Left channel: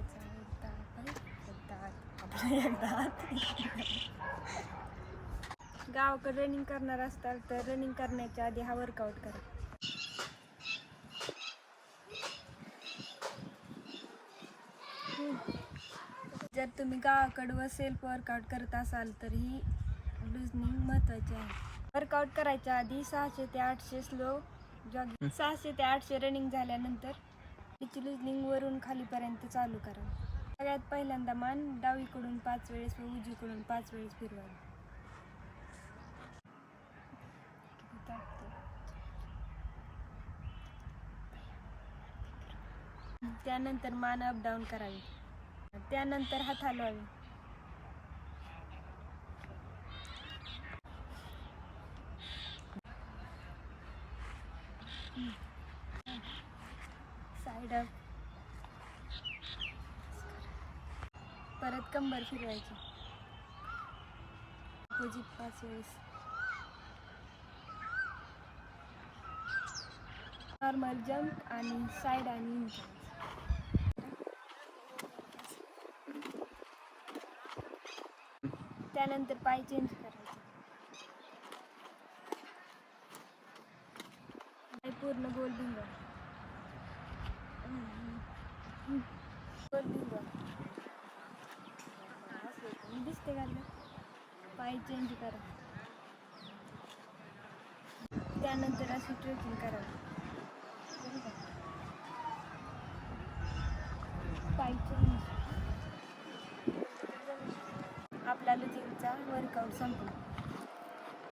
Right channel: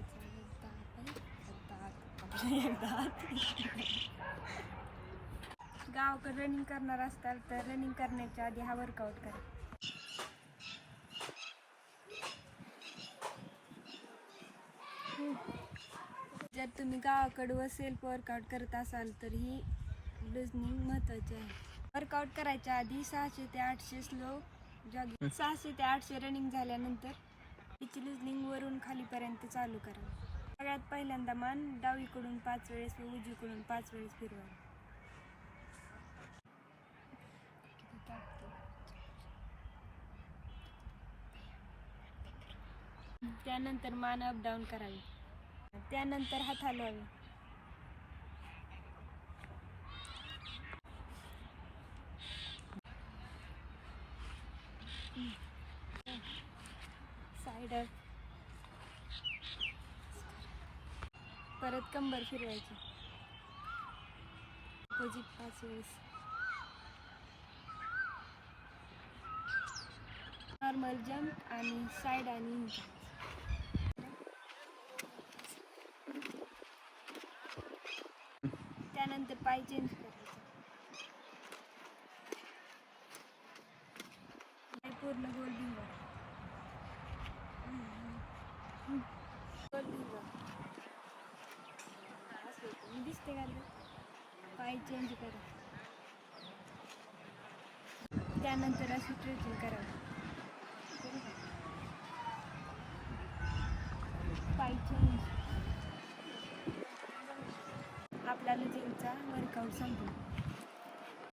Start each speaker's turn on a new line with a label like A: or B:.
A: करायचा एकदा हात आपला एकदा गावाकडे रनिंग करणार असताल तर रनिंग करण्याच्या आधी हा वर्कआउट करा. जर तुम्ही गावाकडं व सेल्फ वर्कआउट करत असाल तर ही लुजनिंग महत्त्वाची आहे. वर्कआउट करायच्या आधी सहाशे ते आठशे स्लो जॉगिंग सहाशे ते आठशे रनिंग झाल्यानंतर तिची लुजनिंग वरून खालीपर्यंत चालू करा. सगळ्यात पहिल्यांदा मान डावीकडून पाच वेळेस व उजवीकडून पाच वेळेस फिरवा. त्यानंतर मान अप डाऊन करावी. त्यानंतर हात हलवावे. साईड स्पायडर परत कंबर फिरवायची. अपोजिट पाच वेळेस नॉर्मल जम्प आणि साईड आणि त्यानंतर पाय चेंज करायचे. पूर्ण गोल भिंगल गोल भिंगल असं होतं. मी दिसते का पाय चेंज करा त्यानंतर अशी स्ट्रेचिंग करावी करू का? पाय चेंज आपला लुजिंगचा वर्कआउट संपला